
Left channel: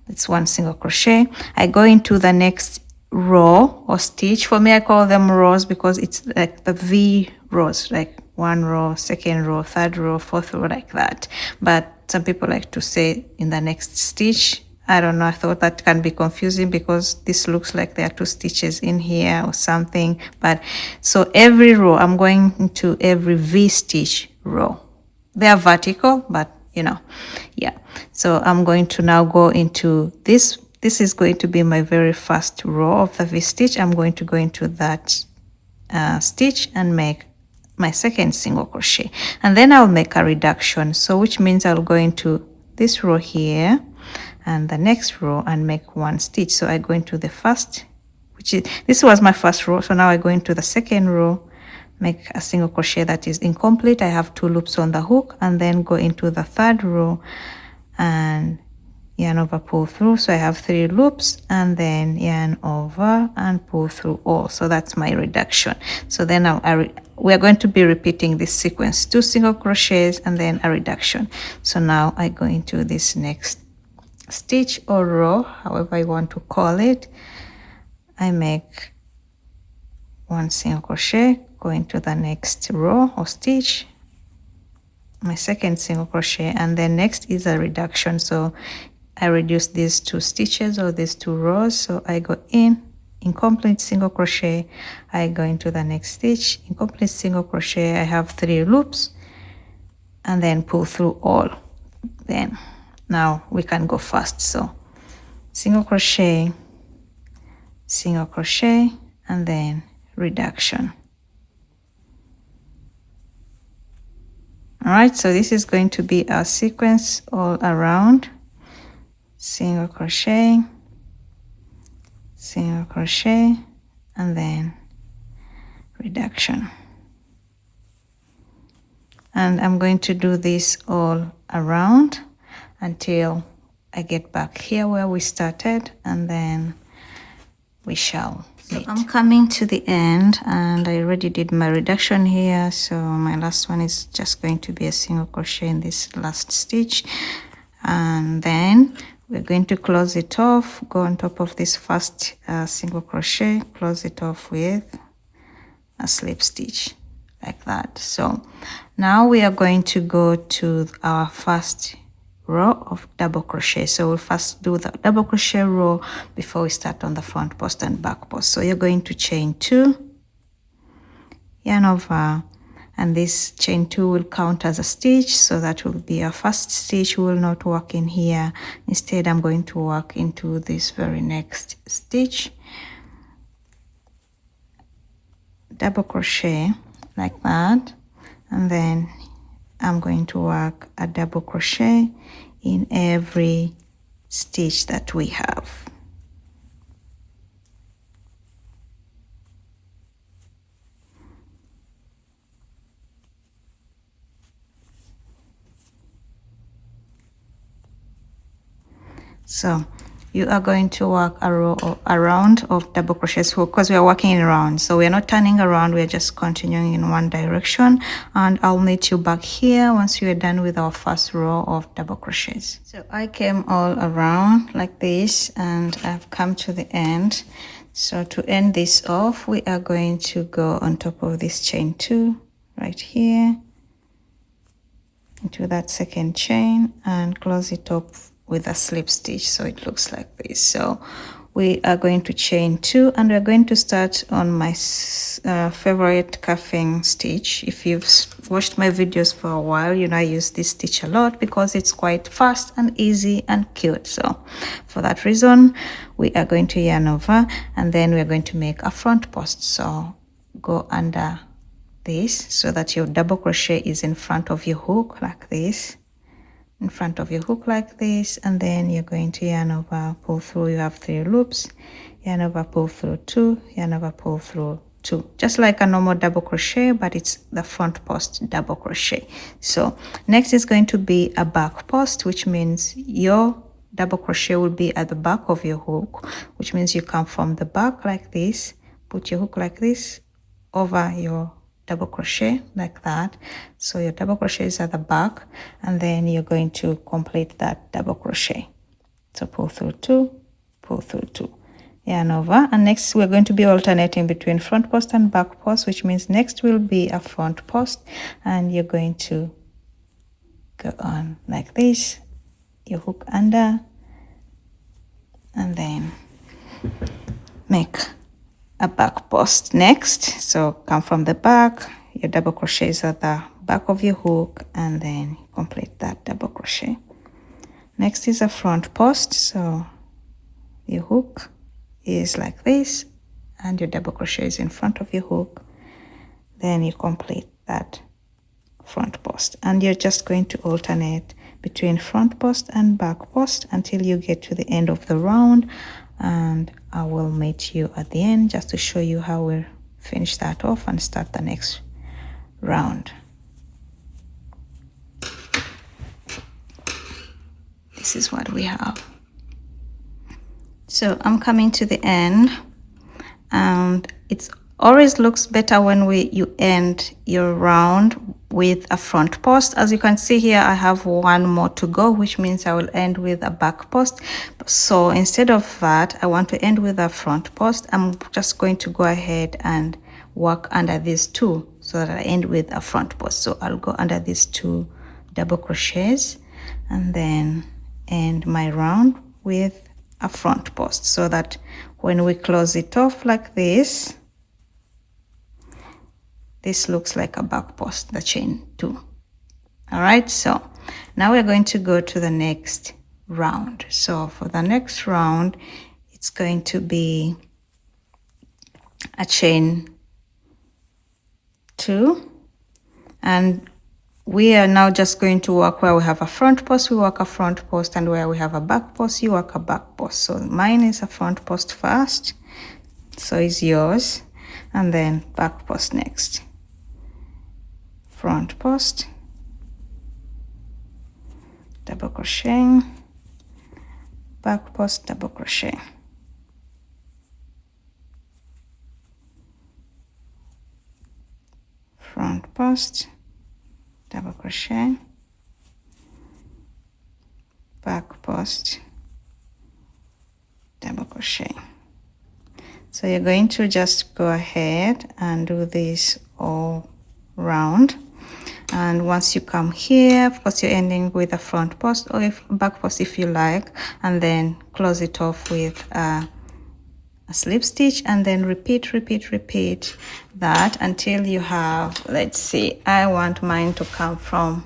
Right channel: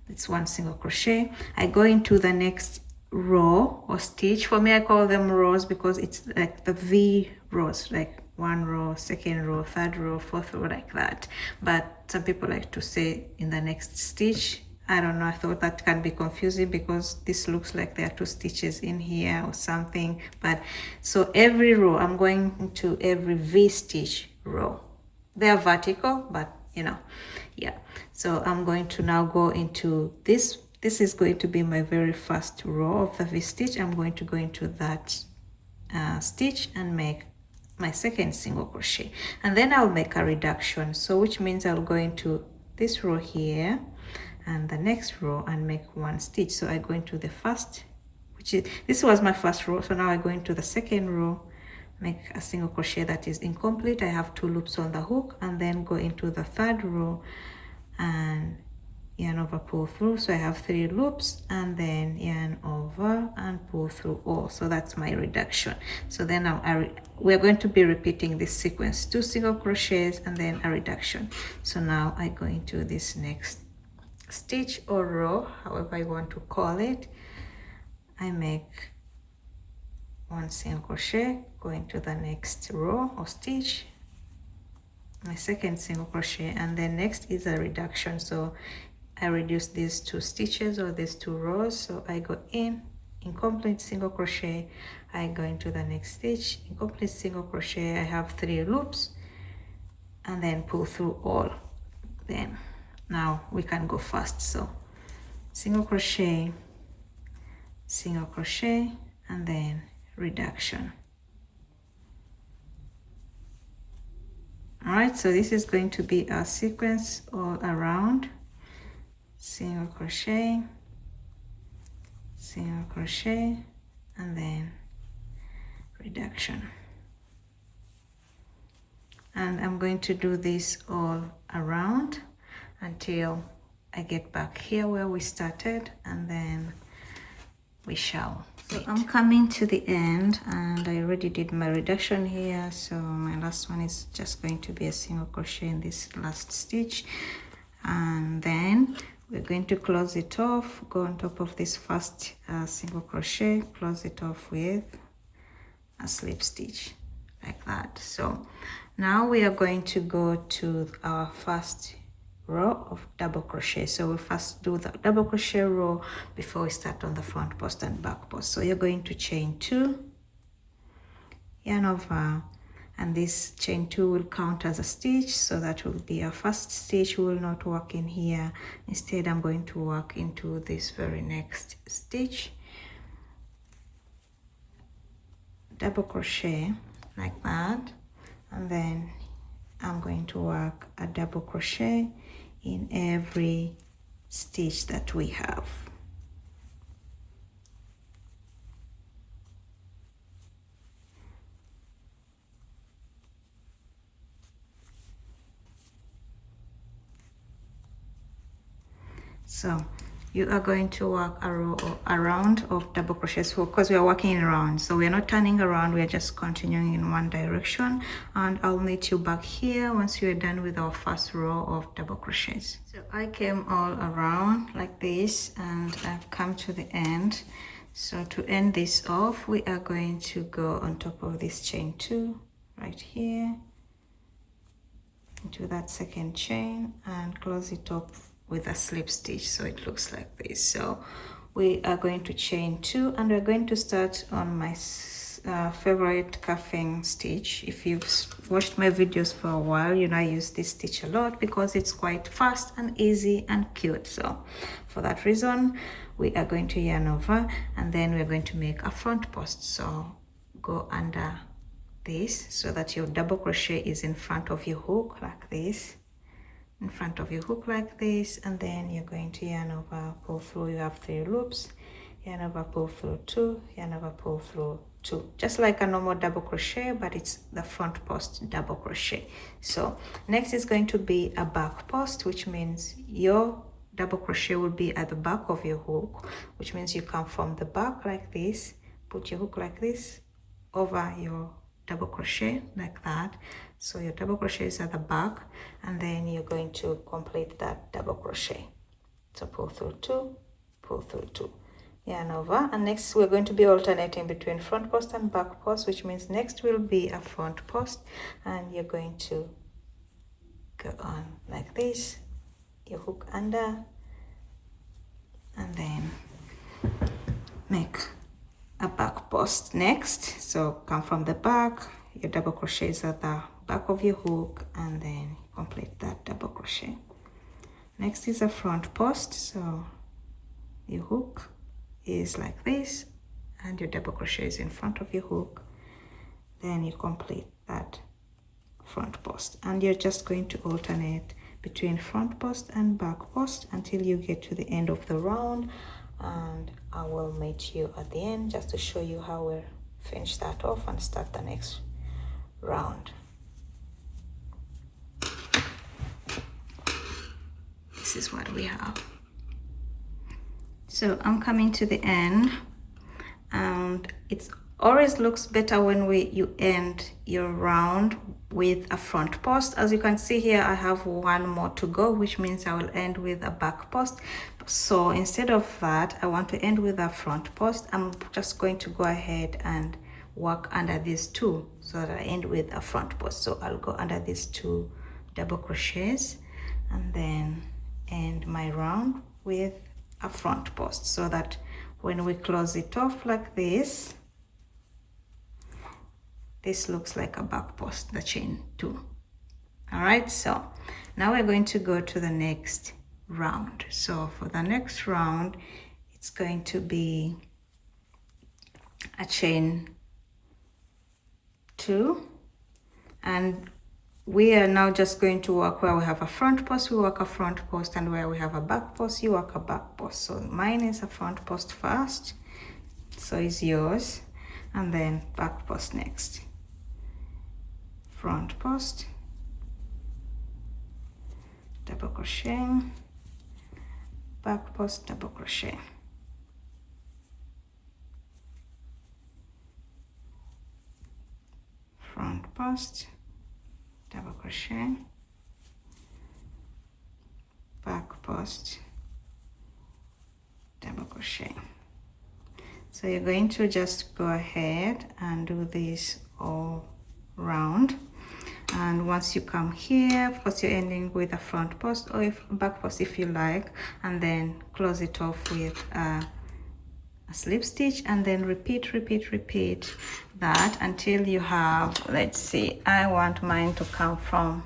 it's 1 single crochet. I go into the next row or stitch. For me, I call them rows because it's like the V rows, like 1 row, 2nd row, 3rd row, 4th row, like that. But some people like to say in the next stitch. I don't know, I thought that can be confusing because this looks like there are 2 stitches in here or something. But so every row, I'm going into every V stitch row. They are vertical, but you know, yeah. So I'm going to now go into this this is going to be my very first row of the V-stitch. I'm going to go into that stitch and make my second single crochet, and then I'll make a reduction, so which means I'll go into this row here and the next row and make one stitch. So I go into the first, which is, this was my first row, so now I go into the second row, make a single crochet that is incomplete. I have 2 loops on the hook, and then go into the third row and yarn over, pull through. So I have 3 loops, and then yarn over and pull through all. So that's my reduction. So then we are going to be repeating this sequence, 2 single crochets and then a reduction. So now I go into this next stitch or row, however you want to call it. I make 1 single crochet, go into the next row or stitch, my second single crochet, and then next is a reduction. So I reduce these 2 stitches or these 2 rows. So I go in, incomplete single crochet, I go into the next stitch, incomplete single crochet, I have 3 loops, and then pull through all. Then now we can go fast. So single crochet, single crochet, and then reduction. All right, so this is going to be our sequence all around. Single crochet, single crochet, and then reduction. And I'm going to do this all around until I get back here where we started, and then we shall. So I'm coming to the end, and I already did my reduction here, so my last one is just going to be a single crochet in this last stitch, and then we're going to close it off, go on top of this first single crochet, close it off with a slip stitch like that. So now we are going to go to our first row of double crochet. So we'll first do the double crochet row before we start on the front post and back post. So you're going to chain 2, yarn over, and this chain 2 will count as a stitch, so that will be our first stitch. We will not work in here. Instead, I'm going to work into this very next stitch, double crochet like that, and then I'm going to work a double crochet in every stitch that we have. So you are going to work a row or a round of double crochets because we are working in rounds. So we are not turning around, we are just continuing in one direction. And I'll meet you back here once we are done with our first row of double crochets. So I came all around like this, and I've come to the end. So to end this off, we are going to go on top of this chain 2 right here into that second chain and close it up with a slip stitch, so it looks like this. So we are going to chain 2, and we're going to start on my favorite cuffing stitch. If you've watched my videos for a while, you know I use this stitch a lot because it's quite fast and easy and cute. So for that reason, we are going to yarn over, and then we're going to make a front post. So go under this so that your double crochet is in front of your hook like this, in front of your hook like this, and then you're going to yarn over, pull through. You have 3 loops, yarn over, pull through 2, yarn over, pull through 2, just like a normal double crochet, but it's the front post double crochet. So next is going to be a back post, which means your double crochet will be at the back of your hook, which means you come from the back like this, put your hook like this over your double crochet like that. So your double crochet is at the back, and then you're going to complete that double crochet. So pull through 2, pull through 2, yarn over, and next we're going to be alternating between front post and back post, which means next will be a front post, and you're going to go on like this, your hook under, and then make a back post next. So come from the back, your double crochets at the back of your hook, and then complete that double crochet. Next is a front post. So your hook is like this, and your double crochet is in front of your hook. Then you complete that front post, and you're just going to alternate between front post and back post until you get to the end of the round, and I will meet you at the end just to show you how we'll finish that off and start the next round. This is what we have. So I'm coming to the end, and it's always looks better when you end your round with a front post. As you can see here, I have one more to go, which means I will end with a back post. So instead of that, I want to end with a front post. I'm just going to go ahead and work under these two so that I end with a front post. So I'll go under these 2 double crochets and then end my round with a front post, so that when we close it off like this, this looks like a back post, the chain 2. All right, so now we're going to go to the next round. So for the next round, it's going to be a chain 2, and we are now just going to work where we have a front post, we work a front post, and where we have a back post, you work a back post. So mine is a front post first, so is yours, and then back post next. Front post, double crochet, back post, double crochet. Front post, double crochet, back post, double crochet. So you're going to just go ahead and do this all round, and once you come here, of course you're ending with a front post or if back post if you like, and then close it off with a slip stitch, and then repeat that until you have, let's see, I want mine to come from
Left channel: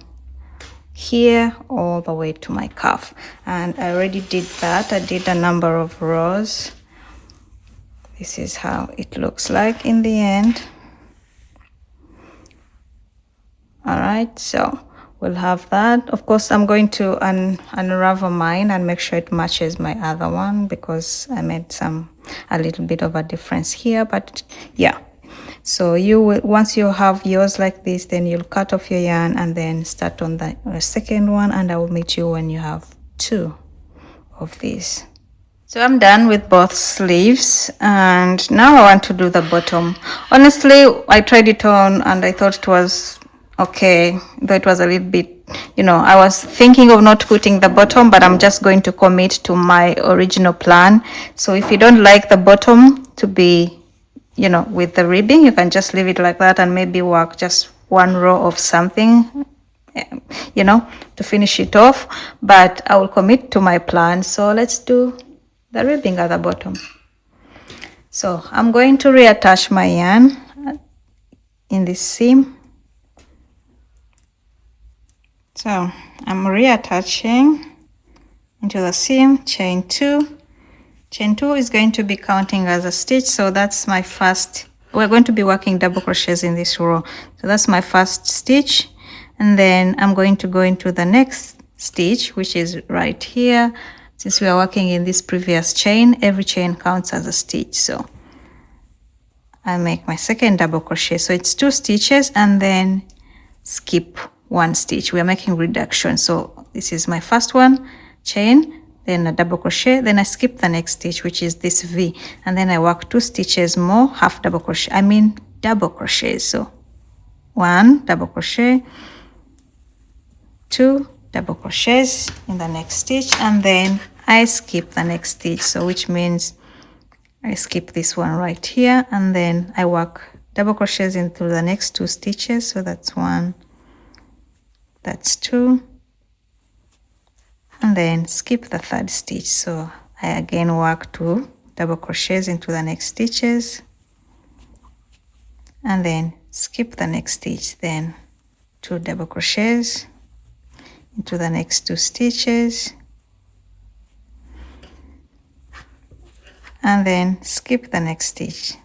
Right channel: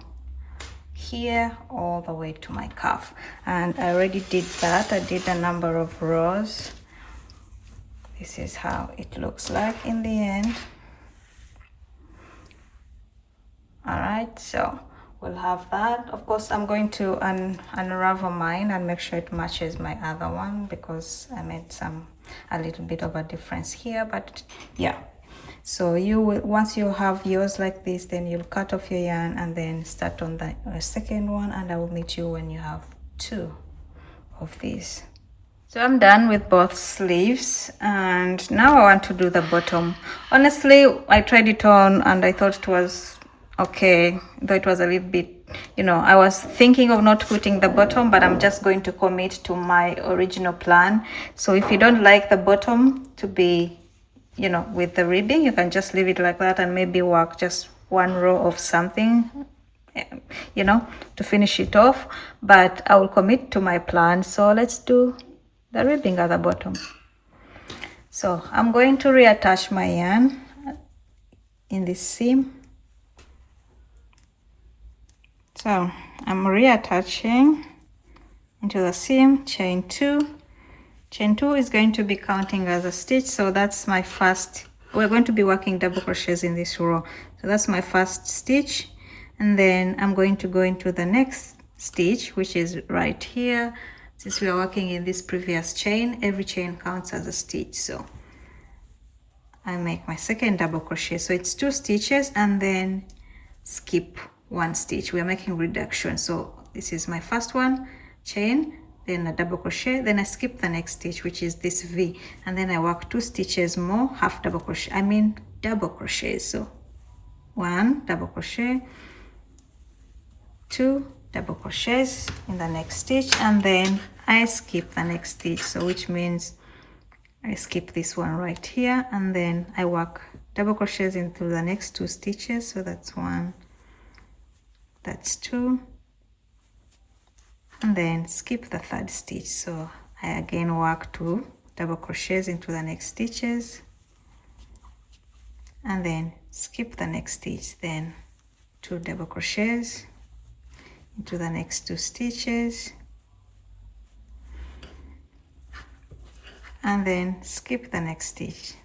here all the way to my cuff, and I already did that. I did a number of rows. This is how it looks like in the end. All right, so we'll have that. Of course, I'm going to unravel mine and make sure it matches my other one, because I made a little bit of a difference here, but yeah. So you will, once you have yours like this, then you'll cut off your yarn and then start on the second one, and I will meet you when you have 2 of these. So I'm done with both sleeves, and now I want to do the bottom. Honestly, I tried it on and I thought it was okay, though it was a little bit, I was thinking of not putting the bottom, but I'm just going to commit to my original plan. So if you don't like the bottom to be, with the ribbing, you can just leave it like that and maybe work just 1 row of something, to finish it off. But I will commit to my plan. So let's do the ribbing at the bottom. So I'm going to reattach my yarn in this seam. So I'm reattaching into the seam, chain 2. Chain 2 is going to be counting as a stitch, so that's my first. We're going to be working double crochets in this row, so that's my first stitch, and then I'm going to go into the next stitch, which is right here. Since we are working in this previous chain, every chain counts as a stitch, so I make my second double crochet. So it's 2 stitches and then skip 1 stitch. We are making reduction. So this is my first one, chain, then a double crochet, then I skip the next stitch, which is this V, and then I work 2 stitches more, half double crochet, double crochets. So 1 double crochet, 2 double crochets in the next stitch, and then I skip the next stitch, so which means I skip this one right here, and then I work double crochets into the next 2 stitches. So that's 1, that's 2, and then skip the 3rd stitch. So I again work 2 double crochets into the next stitches, and then skip the next stitch, then 2 double crochets into the next 2 stitches, and then skip the next stitch,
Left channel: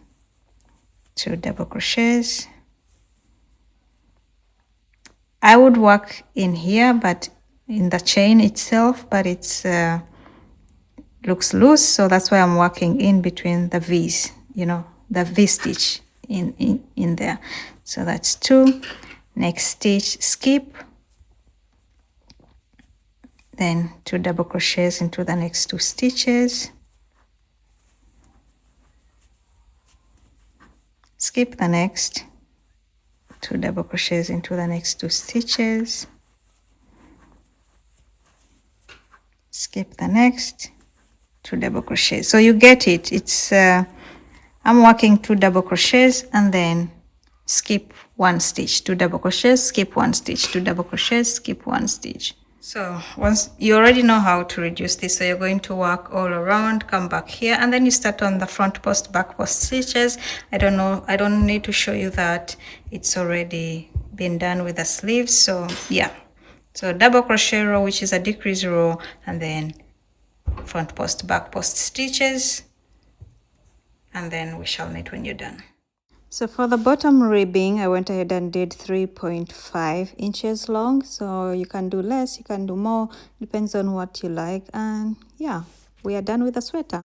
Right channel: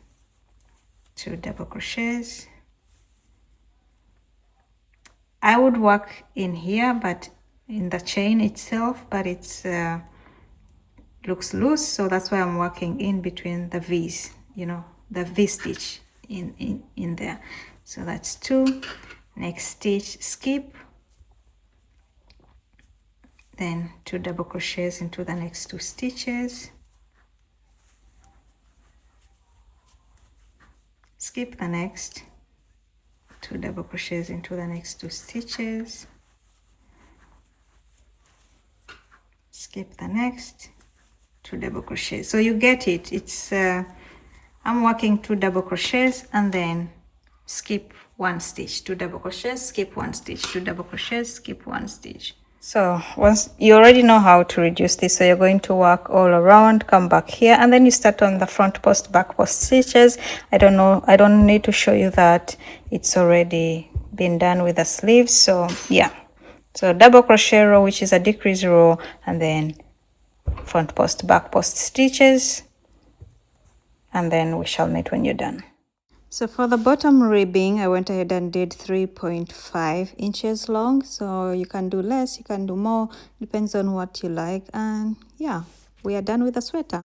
2 double crochets. I would work in here, but in the chain itself, but it's looks loose, so that's why I'm working in between the V's, you know, the V stitch in there. So that's 2. Next stitch, skip, then 2 double crochets into the next 2 stitches, skip the next, 2 double crochets into the next 2 stitches, skip the next, 2 double crochets. So you get it. It's I'm working 2 double crochets and then skip 1 stitch, 2 double crochets, skip 1 stitch, 2 double crochets, skip 1 stitch. So once you already know how to reduce this, so you're going to work all around, come back here, and then you start on the front post, back post stitches. I don't need to show you that, it's already been done with the sleeves. So yeah, so double crochet row, which is a decrease row, and then front post, back post stitches, and then we shall meet when you're done. So for the bottom ribbing, I went ahead and did 3.5 inches long. So you can do less, you can do more, depends on what you like. And yeah, we are done with the sweater.